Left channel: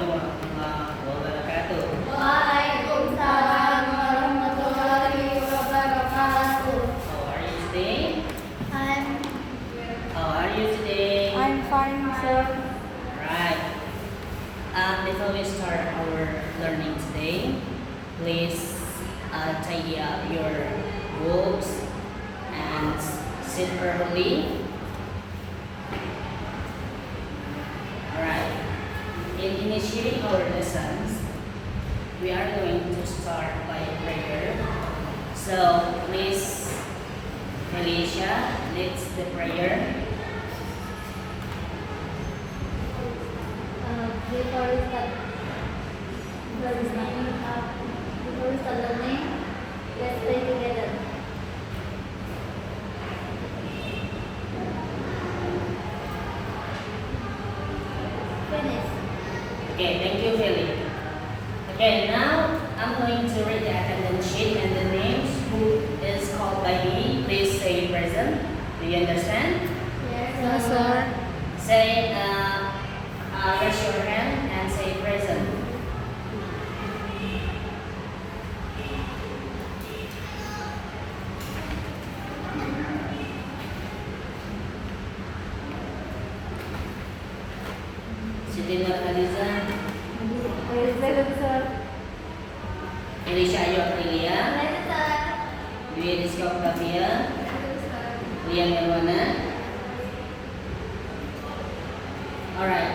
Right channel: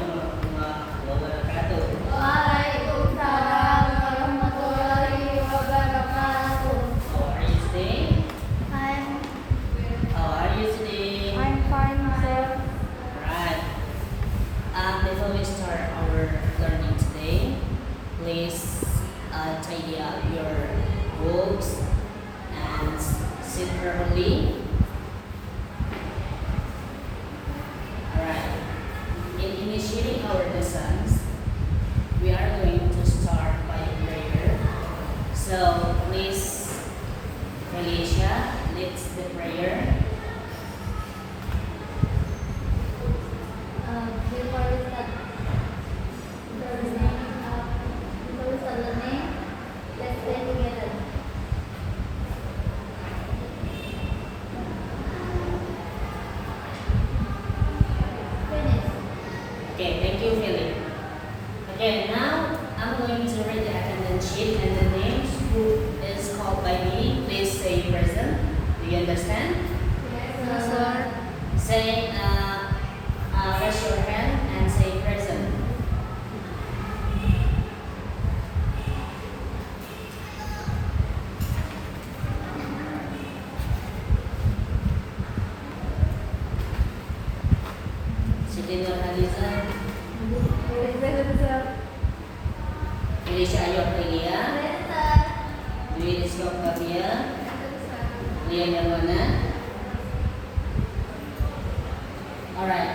Assalamualaikum warahmatullahi wabarakatuh. Waalaikumsalam warahmatullahi wabarakatuh. How are you today? How are you today? I'm fine, sir. Right. Before we start our learning today, please tidy up your books and sit properly. Alright. In initiating our lessons, we are going to start by prayer. So please, Felicia, leads the prayer. Before we start learning, let's pray together. Finish. Okay, thank you, Philip. Okay, now I'm going to read the attendance sheet and the names who is called by me. Please say present. Do you understand? Yes, sir. Say, raise your hand and say present. Siti Nurhaliza, Present, sir. Elisha Ayu Aprilia, Dwi Rizky Octavia, Lian Darwana. Alright.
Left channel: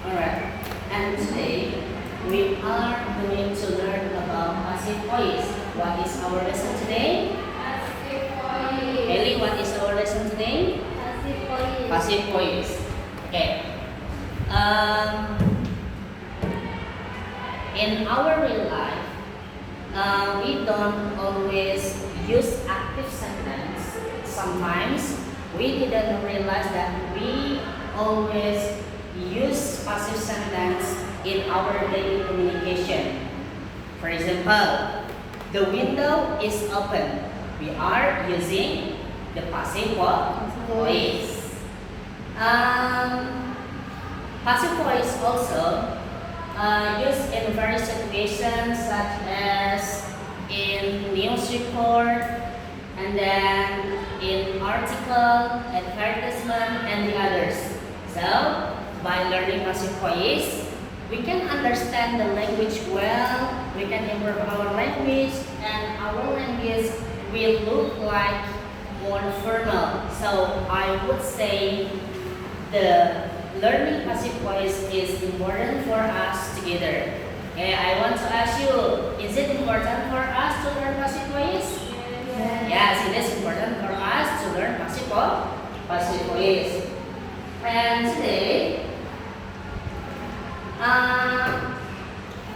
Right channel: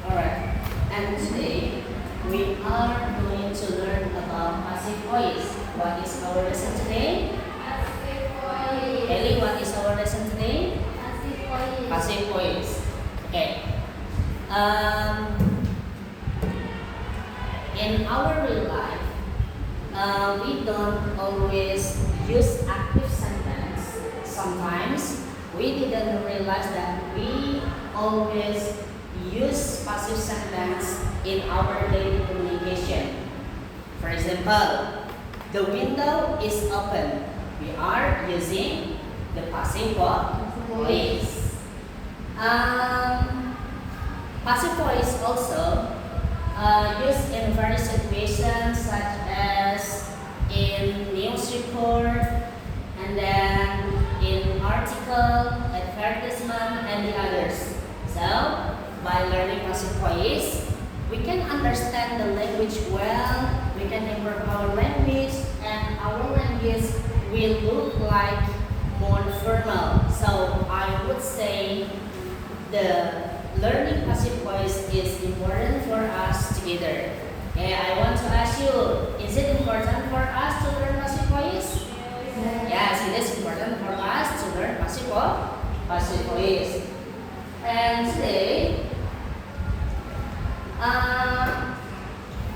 Alright. And today we are going to learn about passive voice. What is our lesson today? Ellie, what is our lesson today? Passive voice. Okay. In our real life, we don't always use active sentence. Sometimes we didn't realize that we always use passive sentence in our daily communication. For example, the window is open. We are using the passive voice. Passive voice also used in various situations such as in news report and then in article, advertisement, and the others. So, by learning passive voice, we can understand the language well, we can improve our language, and our language will look like more formal. So, I would say the learning passive voice is important for us together. Okay, I want to ask you, is it important for us to learn passive voice? Yes, it is important for us to learn passive voice. And today,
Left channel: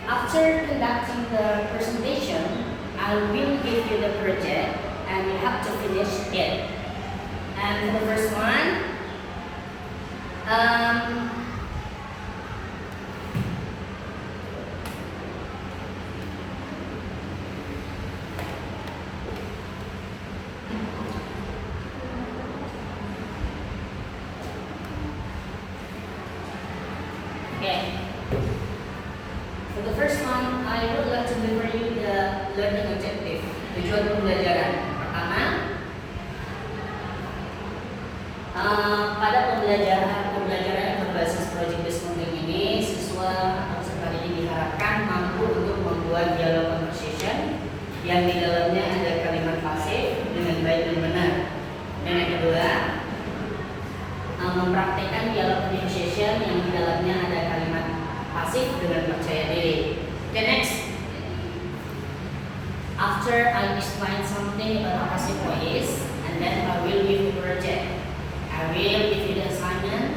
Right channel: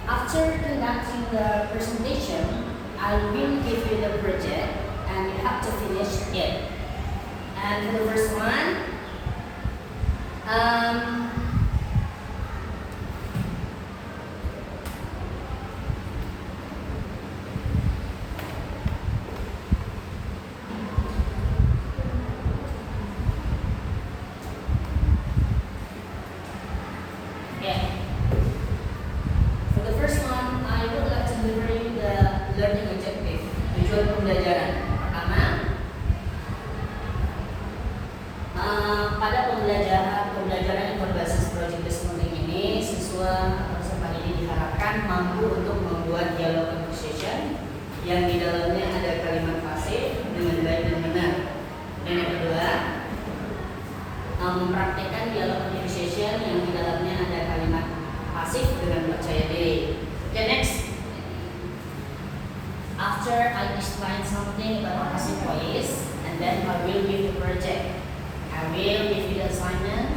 after conducting the presentation, I will give you the project and you have to finish it. And for the first one, okay. For the first one, I would like to deliver you the learning objective, tujuan pembelajaran. Pertama, pada pembelajaran yang berbasis project based learning ini, siswa atau peserta didik diharapkan mampu untuk membuat dialog conversation yang di dalamnya ada kalimat pasif dengan baik dan benar. Dan yang kedua, mempraktekkan dialog conversation yang di dalamnya ada kalimat pasif dengan percaya diri. Okay, next. After I explain something about passive voice, and then I will give the project. I will give you the assignment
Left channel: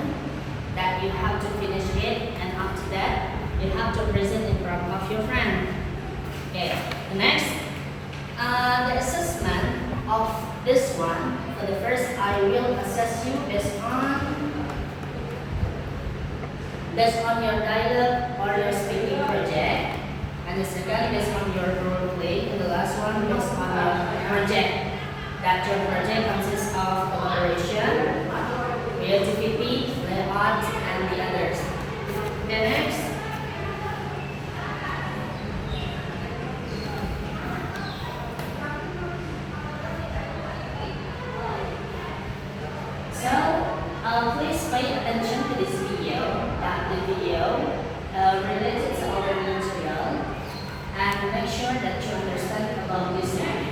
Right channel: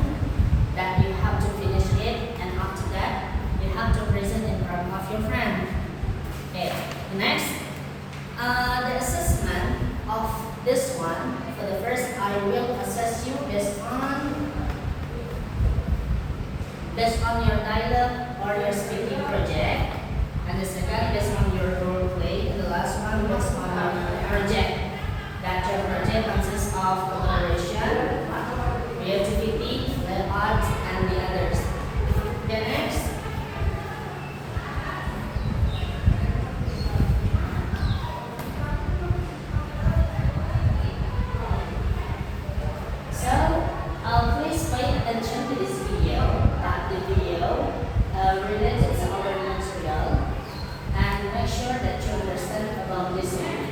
that you have to finish it, and after that, you have to present in front of your friend. Okay, next, the assessment of this one. For the first, I will assess you based on based on your dialogue or your speaking project. And the second based on your role play. And the last one based on your project. That your project consists of collaboration, creativity, layout, and the others. The next. Please pay attention to this video, that the video related to our material, and make sure that you understand about this one.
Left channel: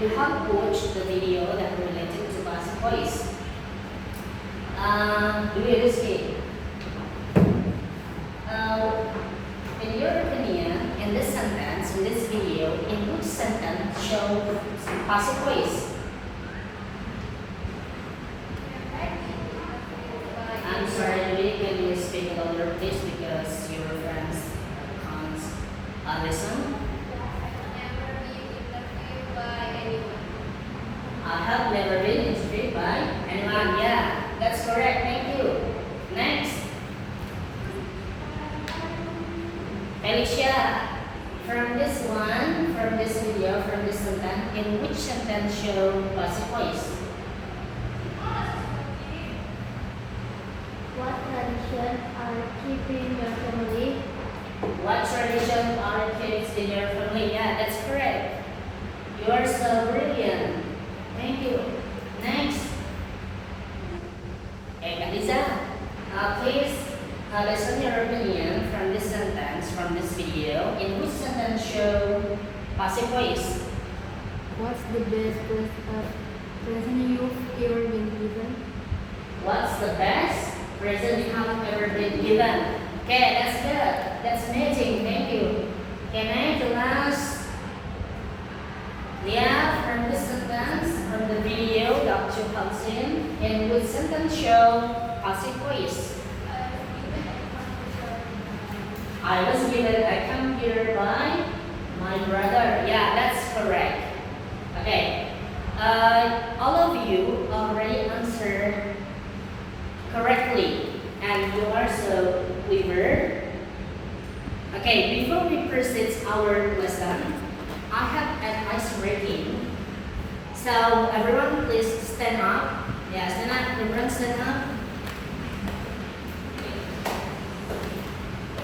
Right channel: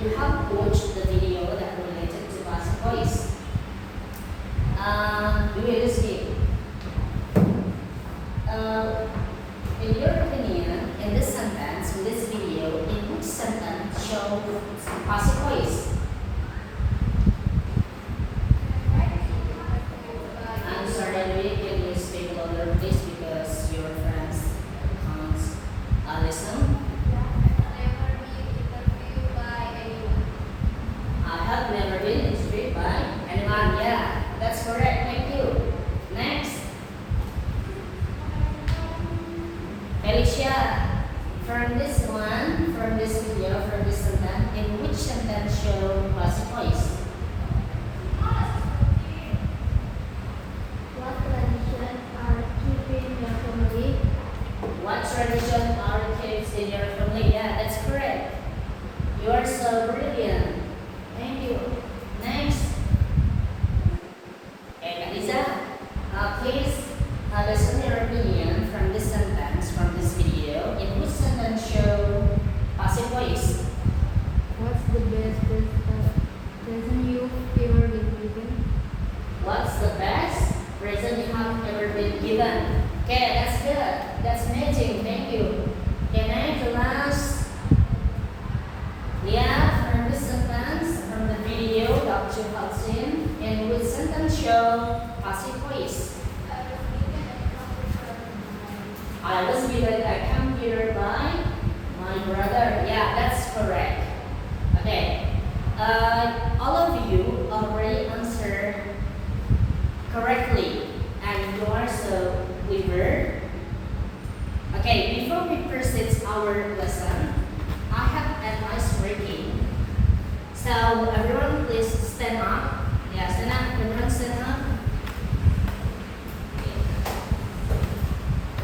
You have watched the video that related to passive voice. Do you agree? In your opinion, in this sentence, in this video, in which sentence show passive voice? I'm sorry, really, can you speak louder, please, because your friends can't listen. I have never been interviewed by anyone. Yeah, that's correct. Thank you. Next. Felicia, from this one, from this video, from this sentence, in which sentence show passive voice? What tradition are keeping your family tradition our kids in your family. Yeah, that's correct. You are so brilliant. Thank you. Next. Okay, Kak Lisa. Please listen your opinion from this sentence, from this video. In which sentence show passive voice? What's the best present you've ever been given? What's the best present you have ever been given? Okay, that's good. That's amazing. Thank you. Okay, next, the last. Yeah, from this sentence, from the video Dr. Hudson, in which sentence show passive voice? I was given a computer by my brother. Yeah, that's correct. Okay. All of you already answered correctly, and you are so clever. Okay, before we proceed our lesson, I have an ice breaking. So everyone, please stand up. Yeah, stand up. Everyone, stand up.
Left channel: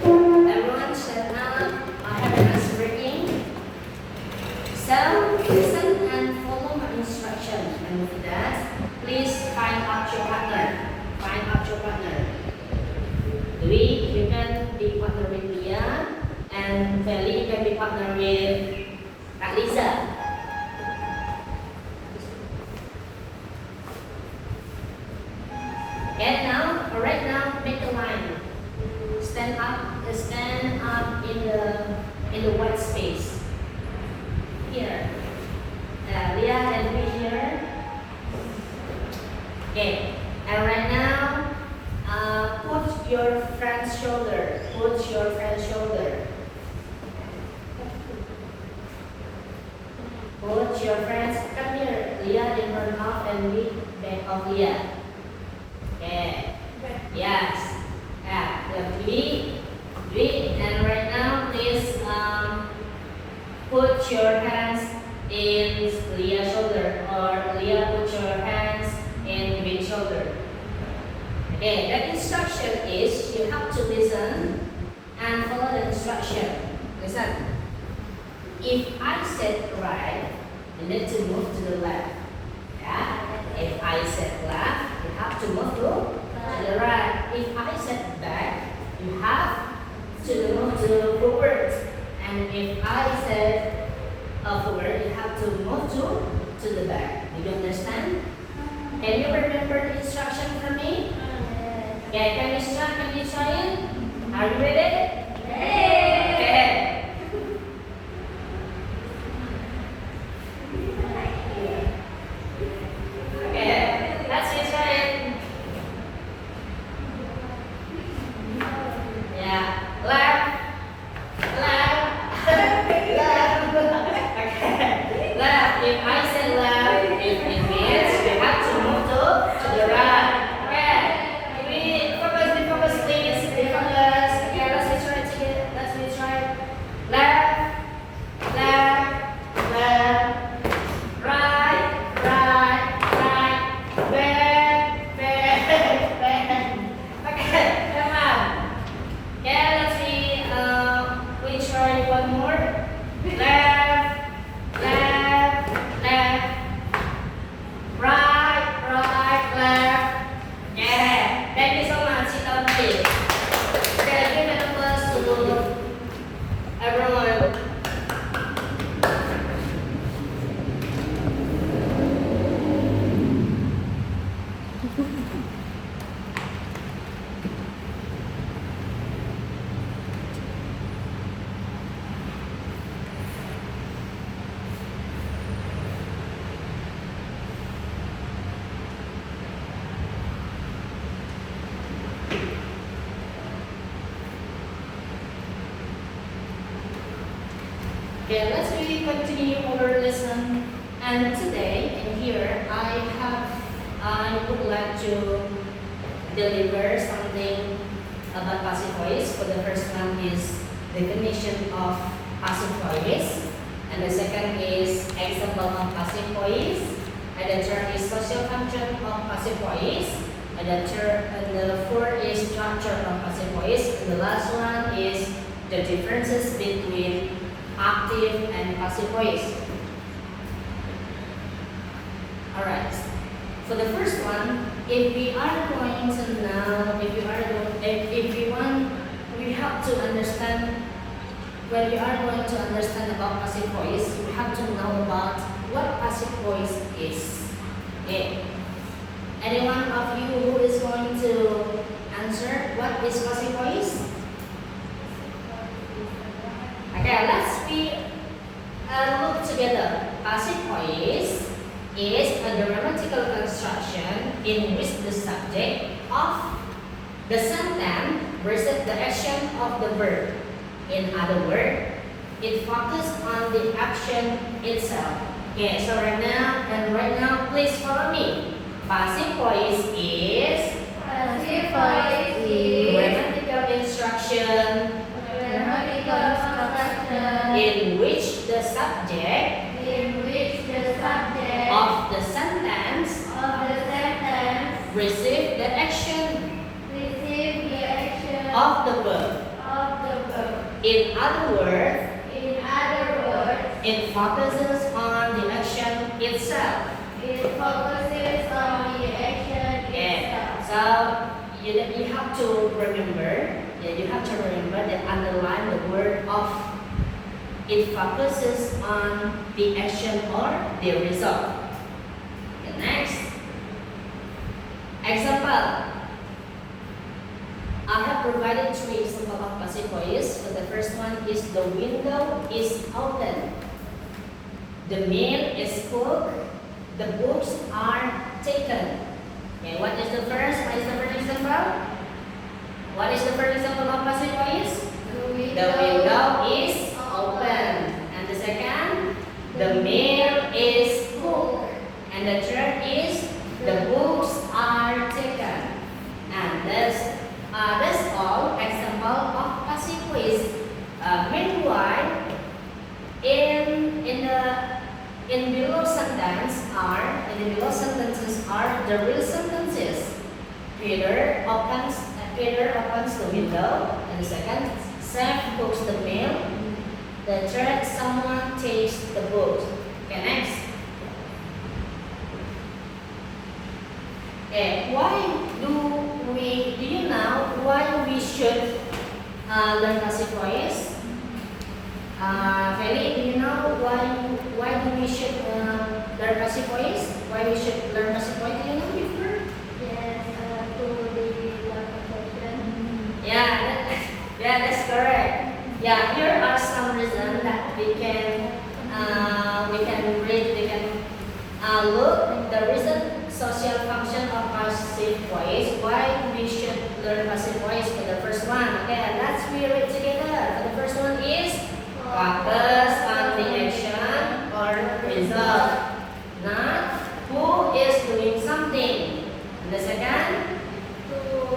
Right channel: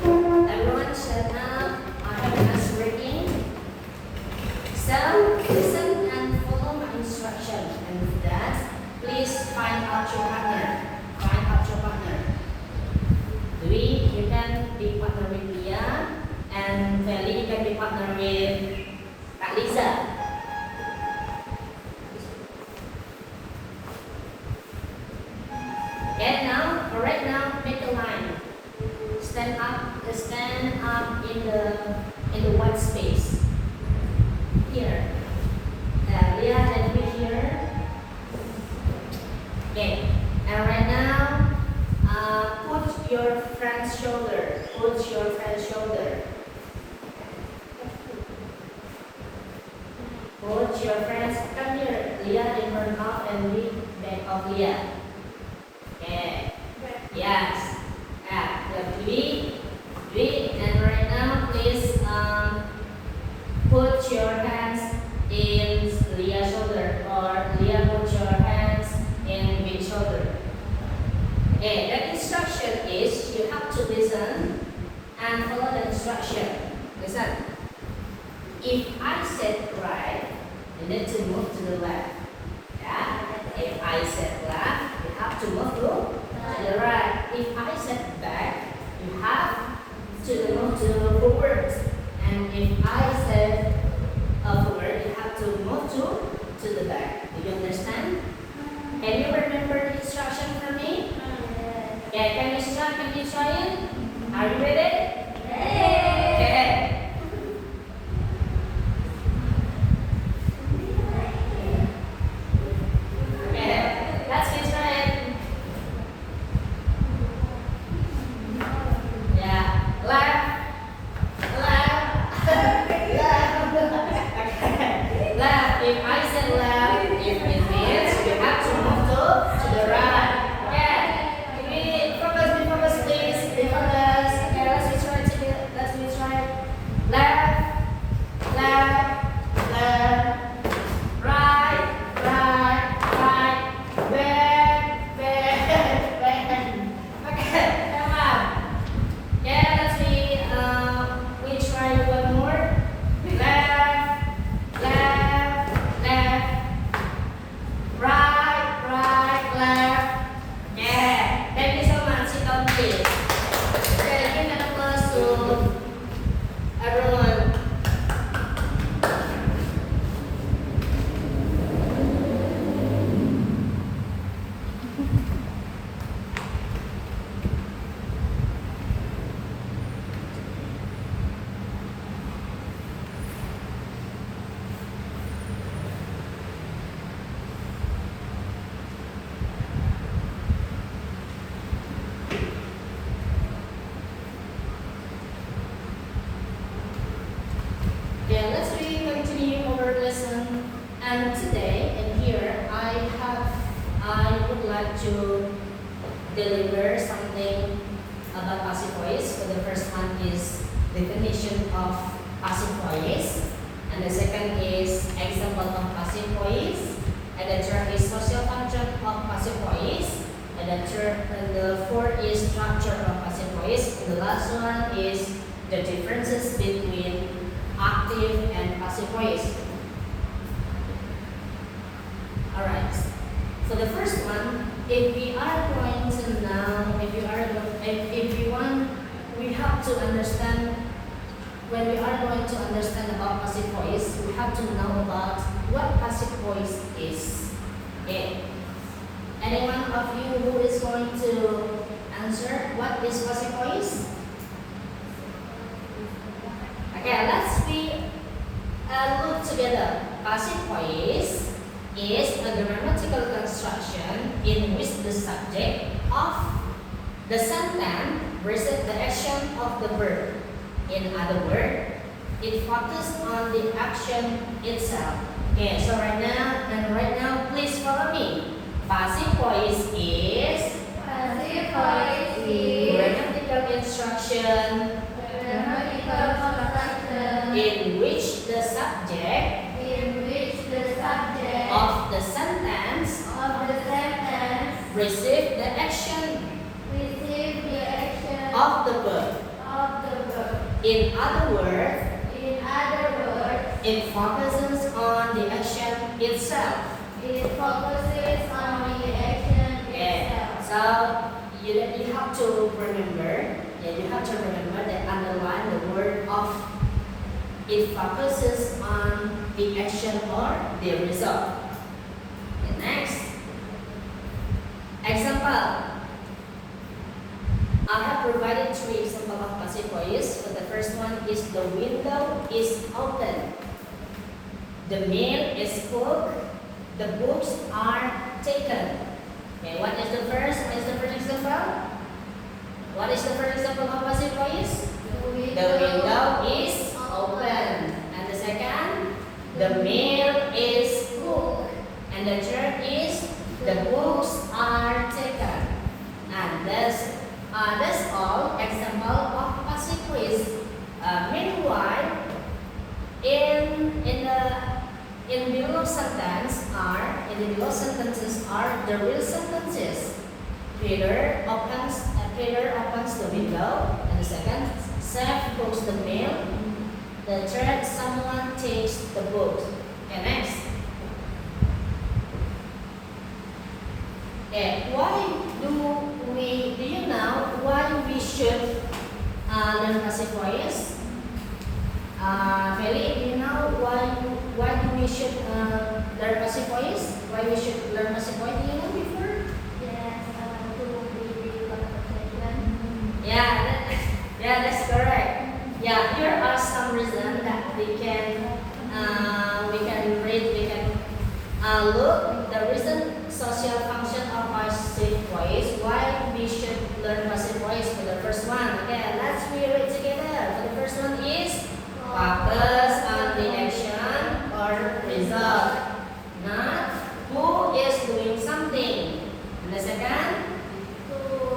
Everyone, stand up. I have an ice breaking. So listen and follow my instruction. And with that, please find out your partner. Find out your partner. Dwi, you can be partner with Lia, and Feli, you can be partner with Kak Lisa. Okay, right now, make a line. Stand up in the white space. Here. Lia and Dwi here. Okay, and right now, put your friend's shoulder. Put your friend's shoulder. Put your friends, come here. Lia in front of and Dwi back of Lia. Okay. Yes. Dwi, and right now, please put your hands in Lia's shoulder, or Lia put your hands in Dwi's shoulder. Okay, the instruction is you have to listen and follow the instruction. Listen. If I said right, you need to move to the left. Yeah? If I said left, you have to move to the right. If I said back, you have to move to forward. And if I said forward, you have to move to the back. Do you understand? Can you remember the instruction from me? Okay, can you try it? Are you ready? Okay. Okay, let's try it. Yeah, left. Okay, left. If I said left, it means you have to move to the right. Focus, please. Be focused. Okay, let's try it together. Let's try it. Left, right, back. Okay, come on. Yeah, let's see. We try one more. Left, right, left. Yeah, thank you so much. Sit down, please. Okay, give an applause to everyone. Okay, let's really continue our lesson. And today, in here, I would like to deliver something about passive voice. For the first one is definition of passive voice, and the second is example of passive voice, and the third is social function of passive voice, and the fourth is structure of passive voice, and the last one is the differences between active and passive voice. Alright, for the first one, if we are going to know, we have to understand, when we are going to understand about passive voice, we have to know about what passive voice is. Okay. Any one of you who is going to answer what is passive voice? Okay, let's look together. Passive voice is a grammatical construction in which the subject of the sentence receives the action of the verb. In other words, it focuses on the action itself. Okay, so right now, please follow me. Passive voice is grammatical instruction in which the subject of the sentence receive the action of the verb. In other words, it focuses on the action itself. So you have to remember. You have to remember that underline the word of. It focuses on the action or the result. Okay, next example. I have provided 3 examples of passive voice. So the first one is the window is open. The meal is cooked. The books are taken. Okay, what is the first example? What is the first example of passive voice? The window is open. And the second, the meal is cooked. And the third is the books are taken. And that's all example of passive voice. Meanwhile, in the below sentences are the real sentences. Peter opens the window. And the second, Sam cooks the meal. The third, someone takes the book. Okay, next. Okay, do you know why we should learn passive voice? Feli, do you know why do we should learn passive voice? Why we should learn passive voice? Do you know before? Yeah, that's correct. Yeah, here are some reasons that we can look the reason social function of passive voice. Why we should learn passive voice for the first one. Okay, let's read it together. For the first one is focus on the action or result, not who is doing something. And the second,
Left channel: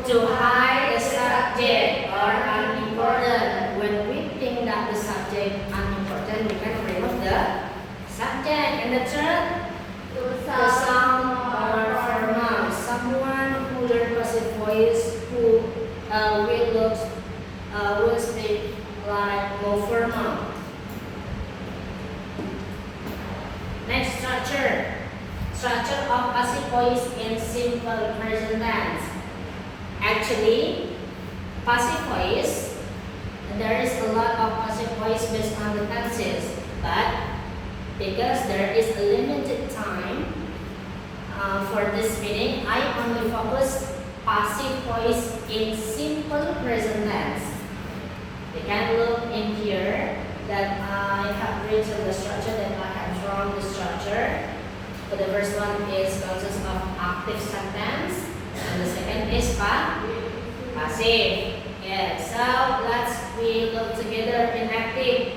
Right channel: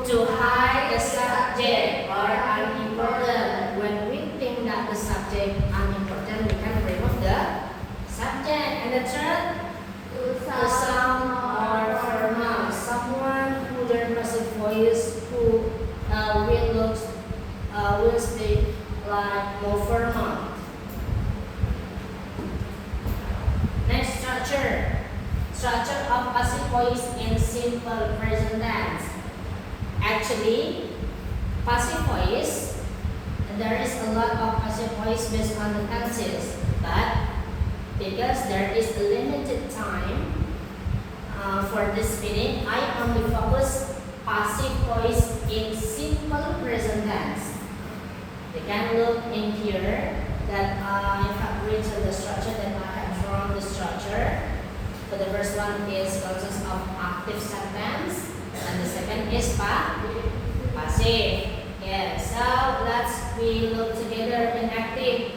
to hide the subject or unimportant. When we think that the subject unimportant, we can remove the subject. And the third, the sound or formal. Someone who learns passive voice who will speak like no formal. Next, structure of passive voice in simple present tense. Actually, passive voice, there is a lot of passive voice based on the tenses, but because there is a limited time for this meeting, I only focus passive voice in simple present tense. You can look in here that I have written the structure, that I have drawn the structure. So the first one is consists of active sentence, and the second is passive. Yeah, so we look together in active.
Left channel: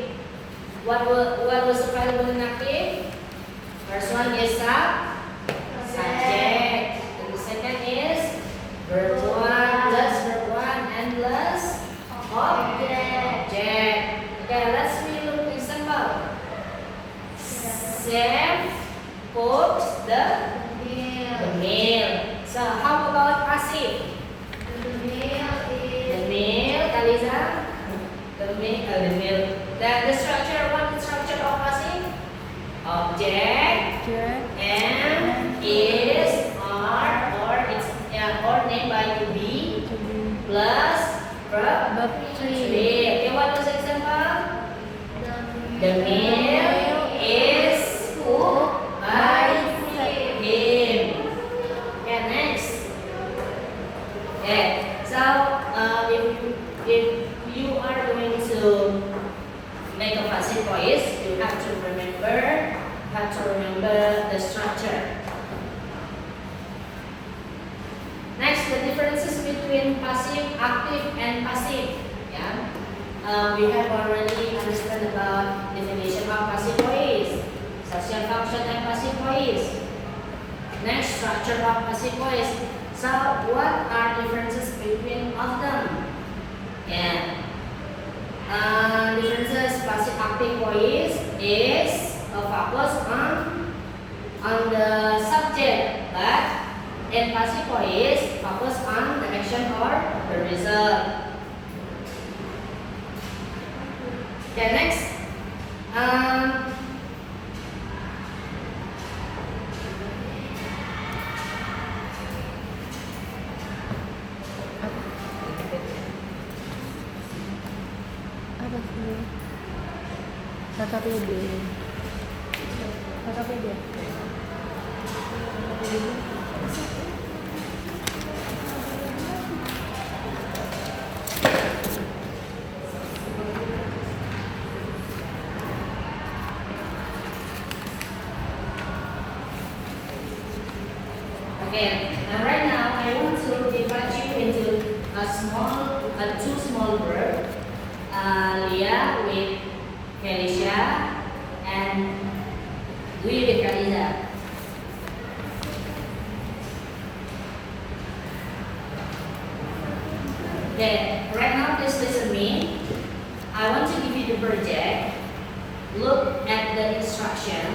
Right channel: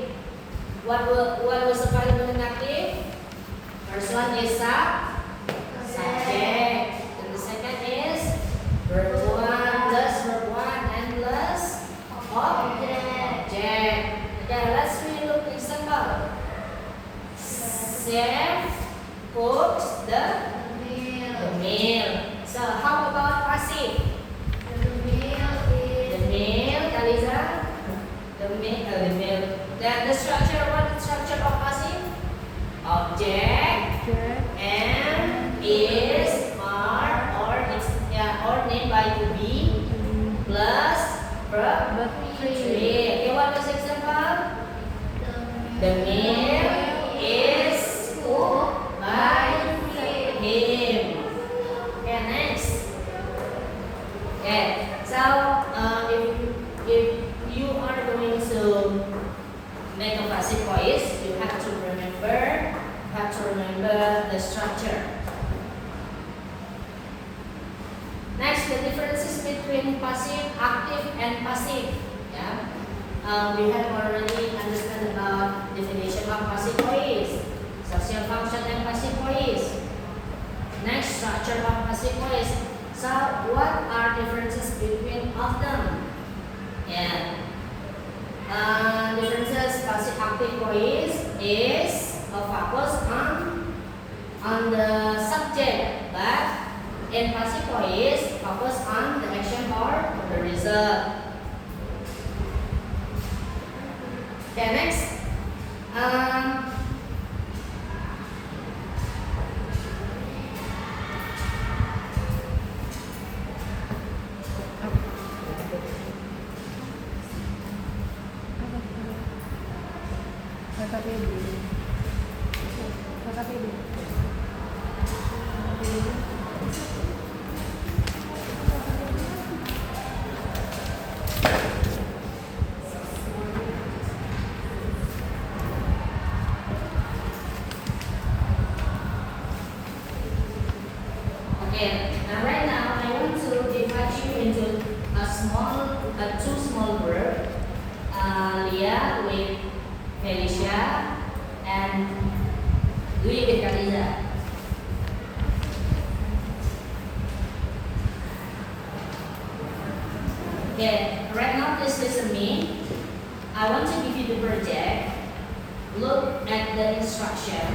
What was available in active? First one is subject, and the second is verb 1 plus verb 1 and plus object. Okay, let's look example. Sam cooks the meal. So how about passive? The meal, Eliza. The meal object Object. M is R or it's or named by to be plus verb But tree. tree. Okay, what was example? The meal is cooked by him. Okay, next. Okay, so if you are going to make a passive voice, you have to remember the structure. Next, the differences between passive, active, and passive. Yeah, we have already understood about definition of passive voice, social function, and passive voice. Next, structure of passive voice. So, what are differences between of them? Yeah. Differences passive active voice is a focus on the subject, but in passive voice focus on the action or the result. Okay, next. Kata PD. Kata PD. Okay, and right now I want to divide you into two small group. Leah with Felicia and Dwi with Kariza. Okay, right now please listen to me. I want to give you the project. Look at the instruction.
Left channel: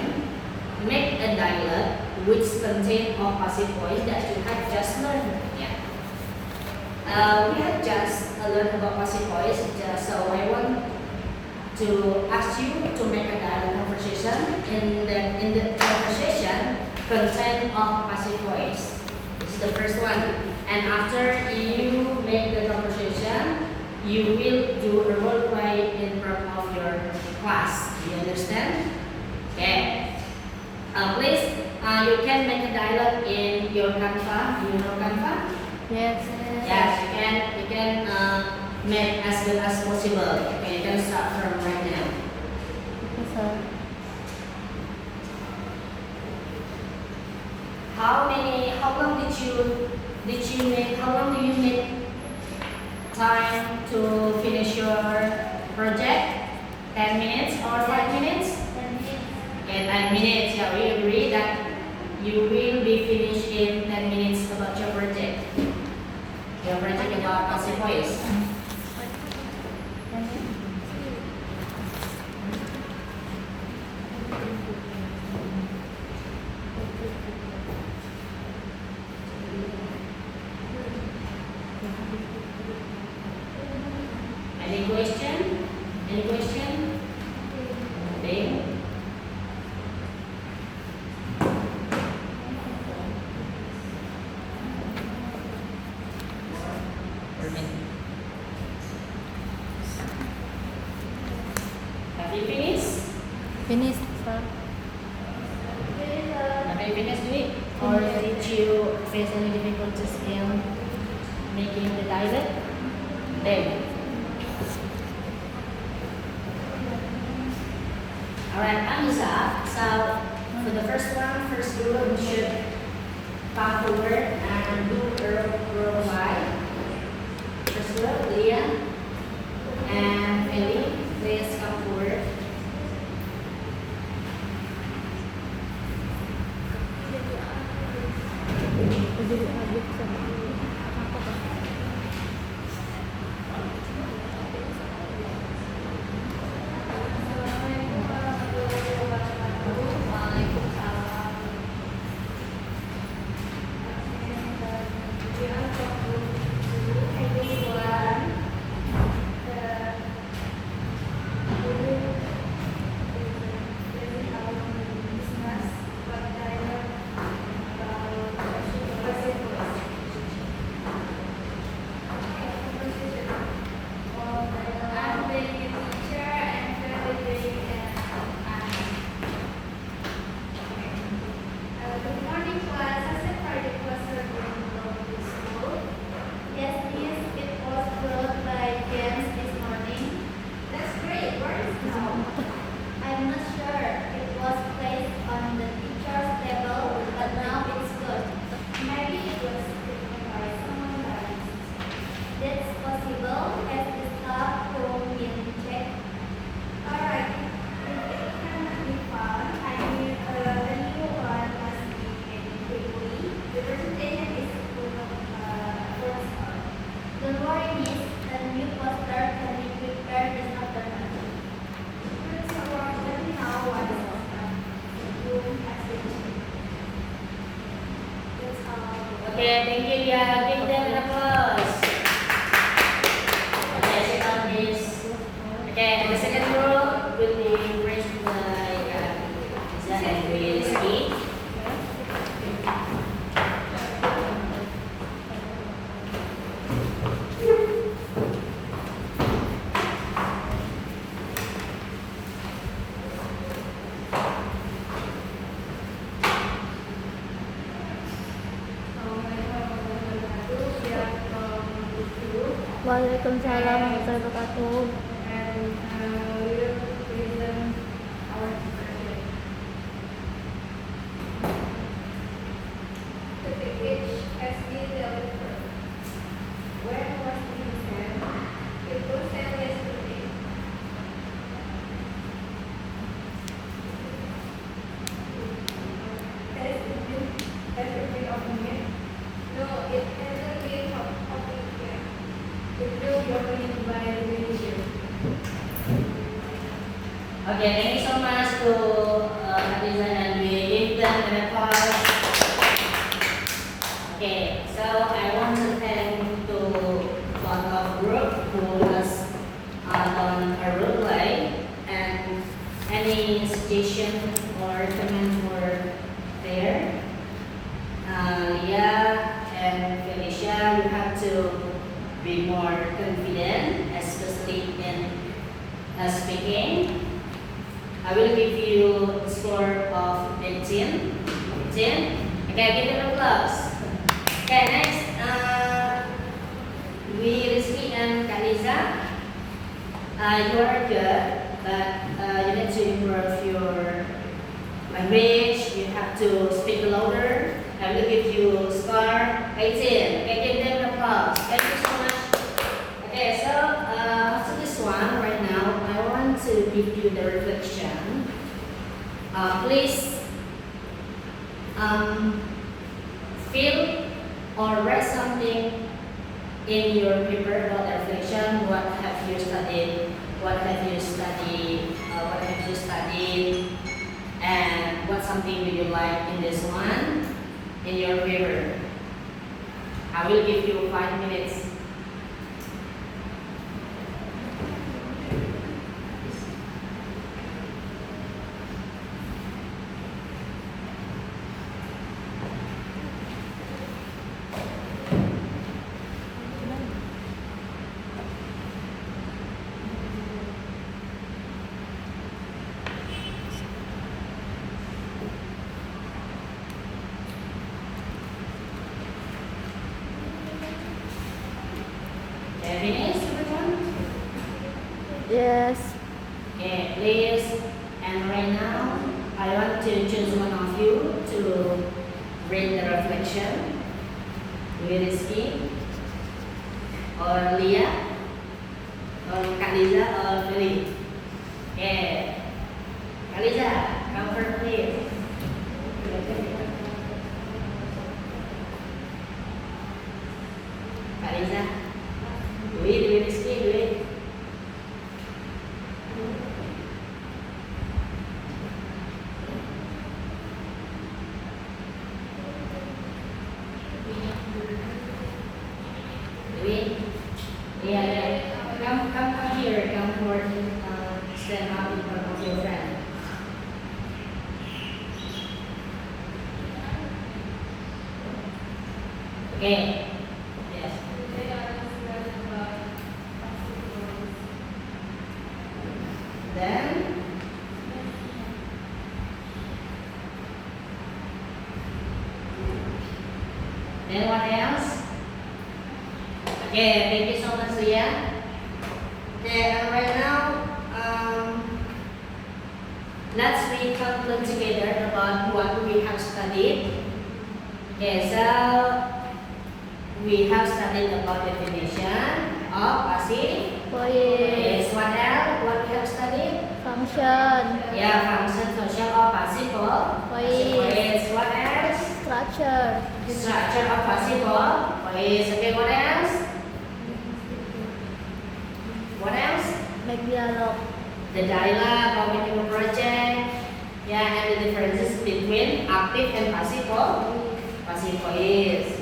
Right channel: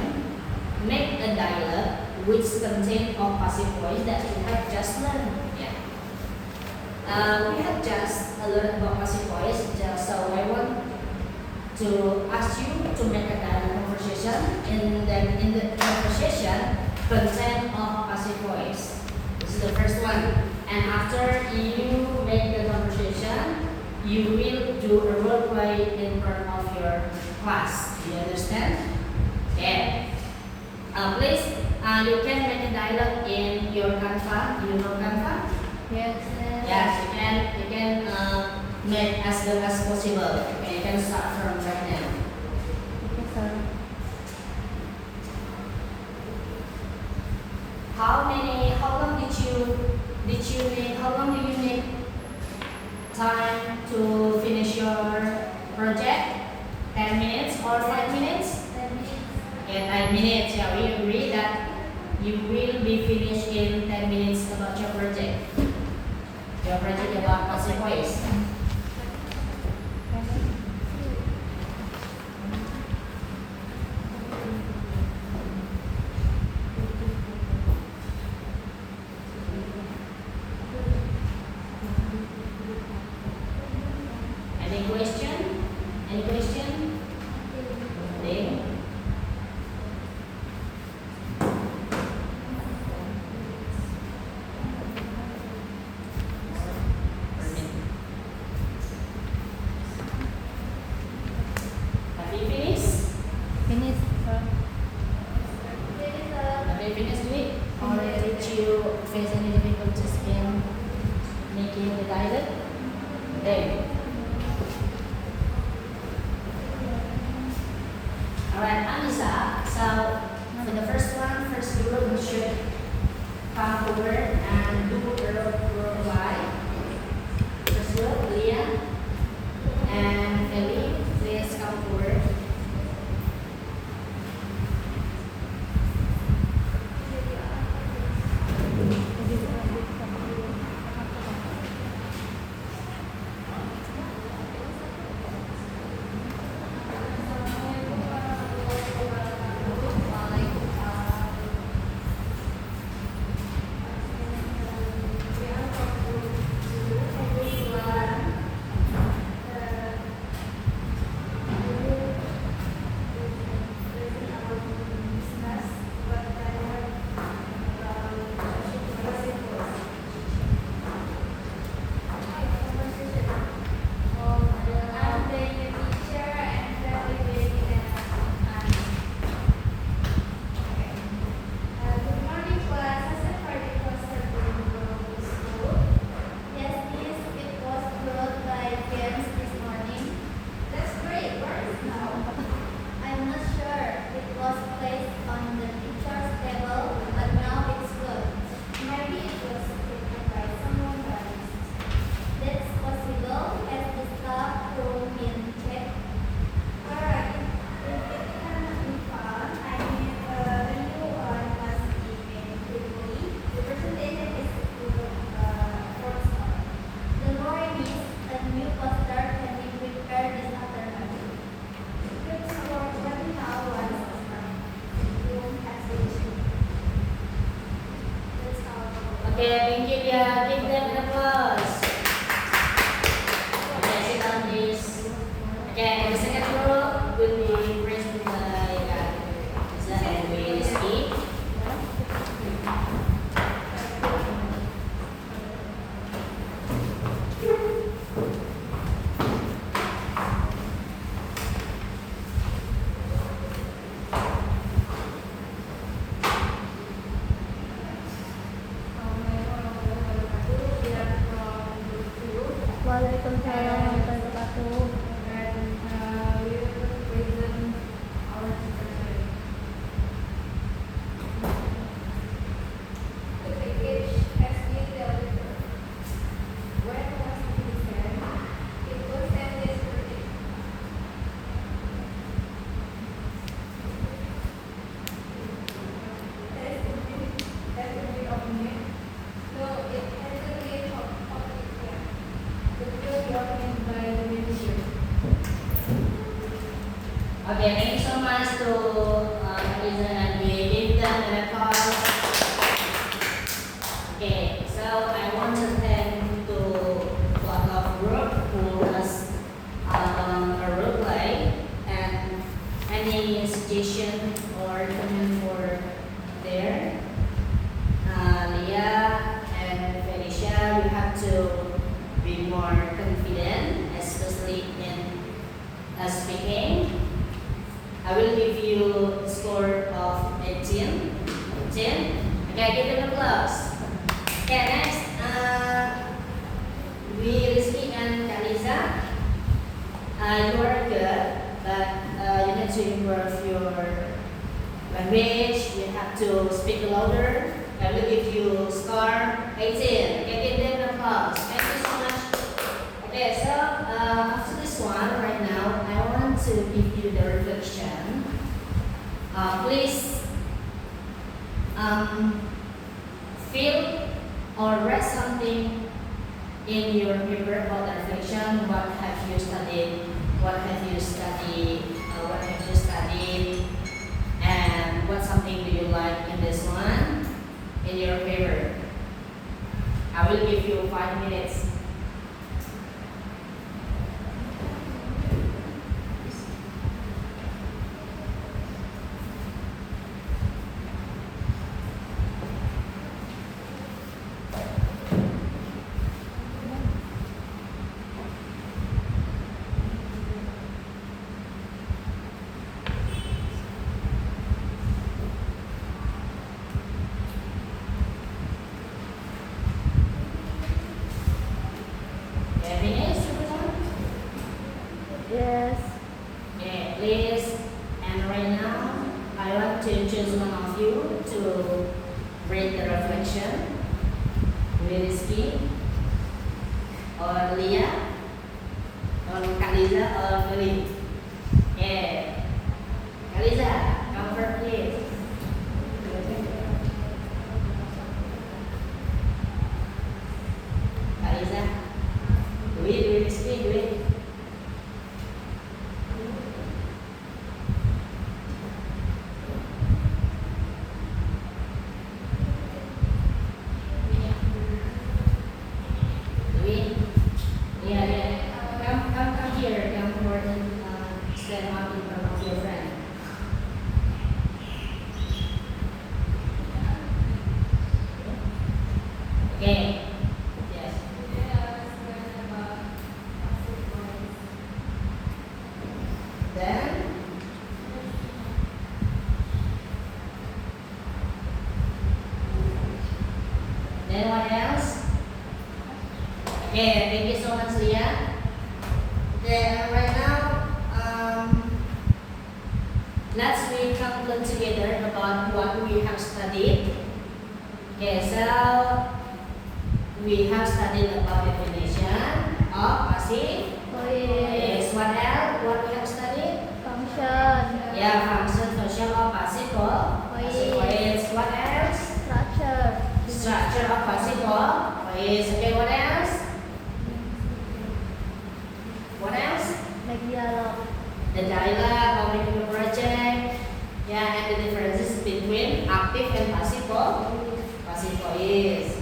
Make a dialogue which contains all passive voice that you have just learned. Yeah. We have just learned about passive voice. So I want to ask you to make a dialogue conversation. In the conversation contain of passive voice. This is the first one. And after you make the conversation, you will do a role play in front of your class. Do you understand? Yeah. Please, you can make a dialogue in your Canva. Do you know Canva? Yes. Yes, you can make as good as possible. Okay, you can start from right now. Yes, sir. How long do you need time to finish your project? 10 minutes or 5 minutes? 10 minutes. Yeah, we agree that you will be finished in 10 minutes about your project. Your project about passive voice. Any question? Any question? Nothing? Have you finished? Finished, sir. Have you finished it? Or did you face any difficulties in making the dialogue? Then. Alright, Anissa. So for the first group, we should come forward and do role play. First group, Leah and Ellie, please come forward. Okay, thank you, Lia. Give them an applause. Okay, sit down, please. Okay, and the second row will be raised by Lisa and Rizky. Waalaikumsalam warahmatullahi wabarakatuh. And we will present our teacher today. The package has been delivered. When was it sent? It was sent yesterday. Has it been opened yet? No, it hasn't been opened yet. It will be opened by the museum. Okay, thank you so much to Lisa and we give them an applause. Okay, so I want to thank to lot of group who has done a role play and any suggestion or comment for there. Leah and Felicia, you have to be more confident, especially in speaking. I will give you a score of 18. 18. Okay, give them applause. Okay, next. Rizky and Lisa. You are good, but you need to improve your language. You have to speak louder. I will give you score 18. Okay, give them an applause. Thank you so much. Okay, so after this one, right now, I want to give you the reflection. Please feel or write something in your paper about the reflection. What have you studied? What have you studied? What have you studied? And what something do you like in this one? In your paper. I will give you 5 minutes. Finish, everyone? Yes. Okay, please. And right now, I want to choose one of you to read the reflection. Rizky or Leah or Kak Liza or Feli. Okay, Kak Liza, come first, please. Kak Liza, do it, Rizky, do it. Yeah. Come here. Come forward. Stand up in front of your friend. Okay. Yes. Today I was learning about Then. Then what else? Okay. Thank you so much, Leah. Okay. And right now, let's we conclude together about what we have studied. Okay. So we have studied about definition of passive. Yes. What else? What we have studied? Function. Yeah, function of participle. Voice. What else? Structure. Structure of participle. Voice. Okay, what else? What else? Make dialogue. The dialogue of making a project. Yeah, and the differences between active and participle. Passive voice.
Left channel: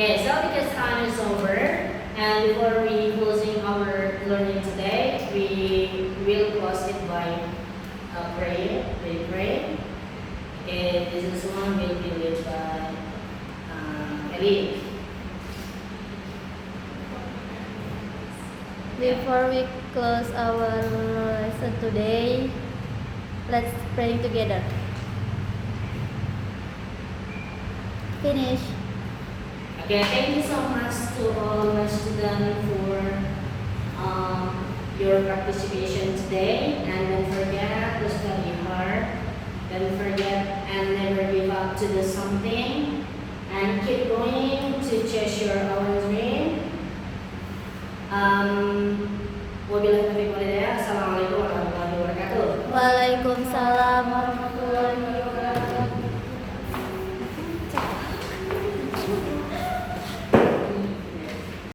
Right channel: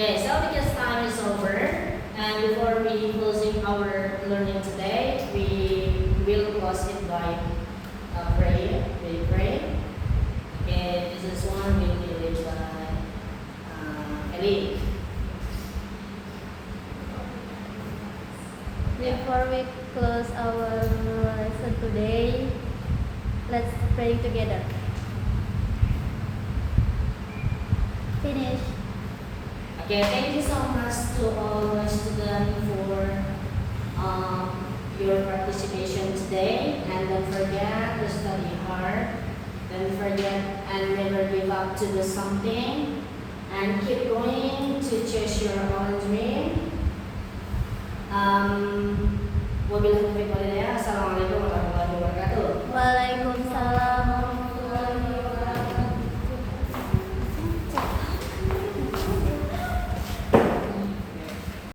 Okay, so because time is over, and before we closing our learning today, we will close it by prayer. We pray. Okay, this is one will be led by Ellie. Before we close our lesson today, let's pray together. Finish. Okay, thank you so much to all my students for your participation today. And don't forget to study hard. Don't forget and never give up to do something. And keep going to chase your own dream. Wabillahi taufiq wal hidayah.